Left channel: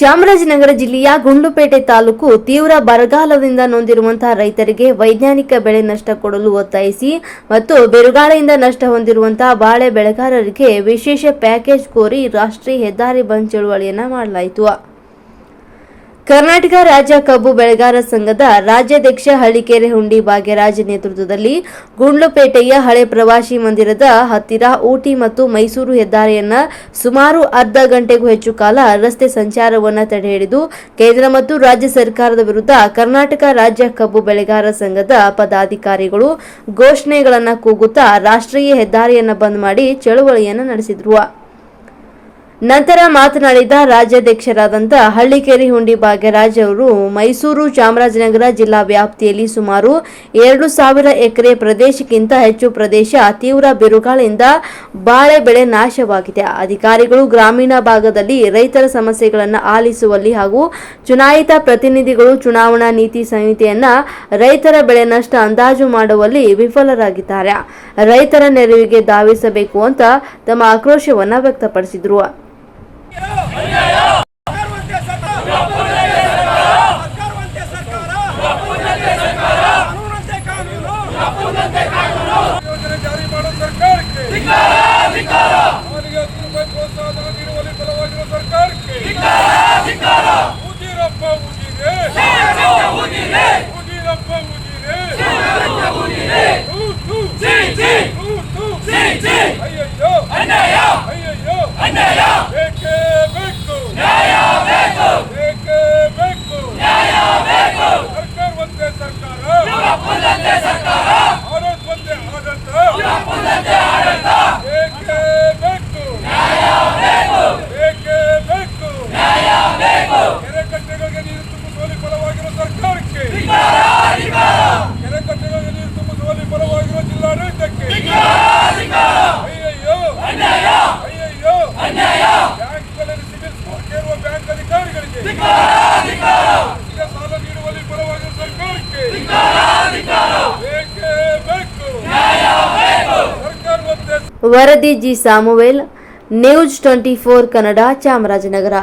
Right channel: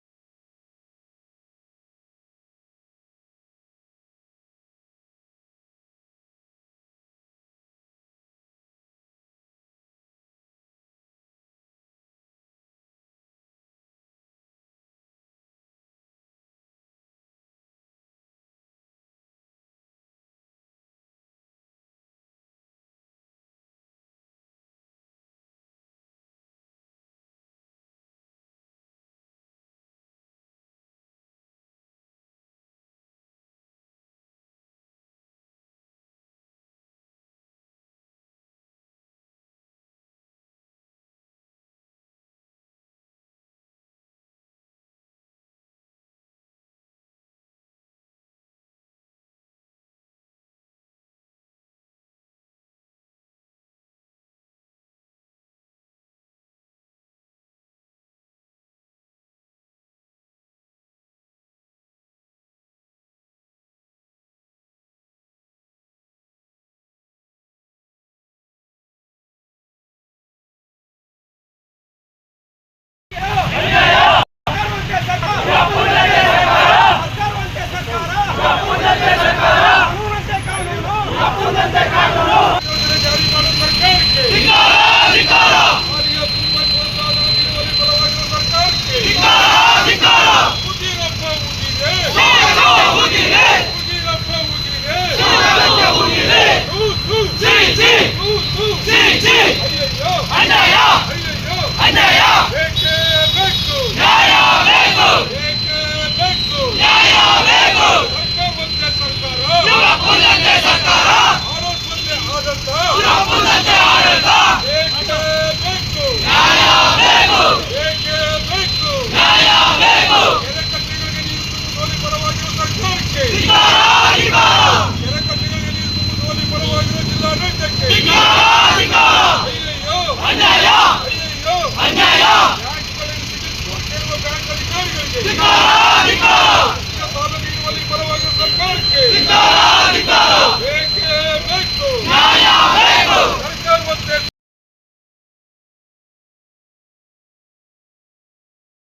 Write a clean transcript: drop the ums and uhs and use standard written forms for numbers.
ಚಾಮರಾಜನಗರ ಜಿಲ್ಲೆಯ ಗುಂಡ್ಲುಪೇಟೆ ತಾಲೂಕು ತೀವ್ರ ಬರಗಾಲದಿಂದ ನೊಂದಿರುವಂತಹ ರೈತರಿಗೆ ವೈಜ್ಞಾನಿಕ ಬೆಳೆ ನಷ್ಟ ಕೊಡಲು ಒತ್ತಾಯಿಸಿ ಮತ್ತು ಬಿರುಗಾಳಿಯಿಂದ ನಷ್ಟ ಹೊಂದಿರುವಂತಹ ಬಾಳೆ ಬೆಳೆಗಾರರಿಗೆ ವಿಶೇಷ ಪ್ಯಾಕೇಜ್ ಕೋರಿ ರಾಷ್ಟ್ರೀಯ ಹೆದ್ದಾರಿ ಬಂದ್ ಚಳುವಳಿಯನ್ನು ಮಾಡಲಾಯಿತು. ಕರ್ನಾಟಕ ರಾಜ್ಯ ಕಬ್ಬು ಬೆಳೆಗಾರ ಸಂಘದ ರಾಜ್ಯಾಧ್ಯಕ್ಷ ಹಳ್ಳಿಕೆರೆ ಹುಂಡಿ ಭಾಗ್ಯರಾಜ್ ನೇತೃತ್ವದಲ್ಲಿ ಗುಂಡ್ಲುಪೇಟೆಯ ಹಳೆ ಪ್ರವಾಸಿ ಮಂದಿರದ ಹತ್ತಿರ ಊಟಿ ಮತ್ತು ಮೈಸೂರು ಹೆದ್ದಾರಿಯನ್ನ ಸುಮಾರು ಅರ್ಧ ಗಂಟೆಗೂ ಹೆಚ್ಚು ಕಾಲ ರಸ್ತೆ ಸಂಚಾರವನ್ನು ತಡೆಹಿಡಿದು ಕೇಂದ್ರ ಮತ್ತು ರಾಜ್ಯ ಸರ್ಕಾರದ ವಿರುದ್ಧ ಕರ್ನಾಟಕ ರಾಜ್ಯ ಕಬ್ಬು ಬೆಳೆಗಾರ ಸಂಘದ ಪದಾಧಿಕಾರಿಗಳು ಘೋಷಣೆಗಳನ್ನು ಕೂಗುತ್ತಾ ರಾಷ್ಟ್ರೀಯ ಹೆದ್ದಾರಿಯನ್ನು ಬಂದ್ ಮಾಡಿ ಚಳುವಳಿಯನ್ನು ನಡೆಸಿದರು. ನಂತರ ಮಾತನಾಡಿದ ರಾಜ್ಯಾಧ್ಯಕ್ಷರಾದಂಥ ಹಳ್ಳಿಕೆರೆ ಹುಂಡಿ ಭಾಗ್ಯರಾಜ್ ಅವರು ಮೈಸೂರು ಚಾಮರಾಜನಗರ ಜಿಲ್ಲಾ ವ್ಯಾಪ್ತಿಯಲ್ಲಿ ಸುಮಾರು 2,000 ಎಕರೆ ಪ್ರದೇಶಕ್ಕಿಂತ ಹೆಚ್ಚು ಪ್ರದೇಶ ತೀವ್ರ ಬಿರುಗಾಳಿಯಿಂದ ಬಾಳೆ ಬೆಳೆ ನಾಶವಾಗಿದೆ. ಅಧಿಕಾರಿಗಳು ಗ್ರಾಮೀಣ ಭಾಗದಲ್ಲಿ ರೈತರ ಸಮಸ್ಯೆಗಳನ್ನು ಆಲಿಸುವಲ್ಲಿ ಹಾಗೂ ಚುನಾಯಿತ ಪ್ರತಿನಿಧಿಗಳು ಚುನಾವಣಾ ನೀತಿ ಸಂಹಿತೆಯನ್ನ ರೈತರ ಬೆಳೆ ನಷ್ಟ ಅಂದಾಜು ಮಾಡುವಲ್ಲಿ ವಿಫಲರಾಗಿದ್ದಾರೆ. ರೈತರ ನೆರವಿಗೆ ಧಾವಿಸಬೇಕು ಅಂತ ತಮ್ಮ ಆಕ್ರೋಶವನ್ನು ವ್ಯಕ್ತಪಡಿಸಿದರು. ವರದಿ ಜಿ ಸಾಮುವೇಲ್, ನ್ಯೂಸ್ 24 ಕನ್ನಡ, ಚಾಮರಾಜನಗರ.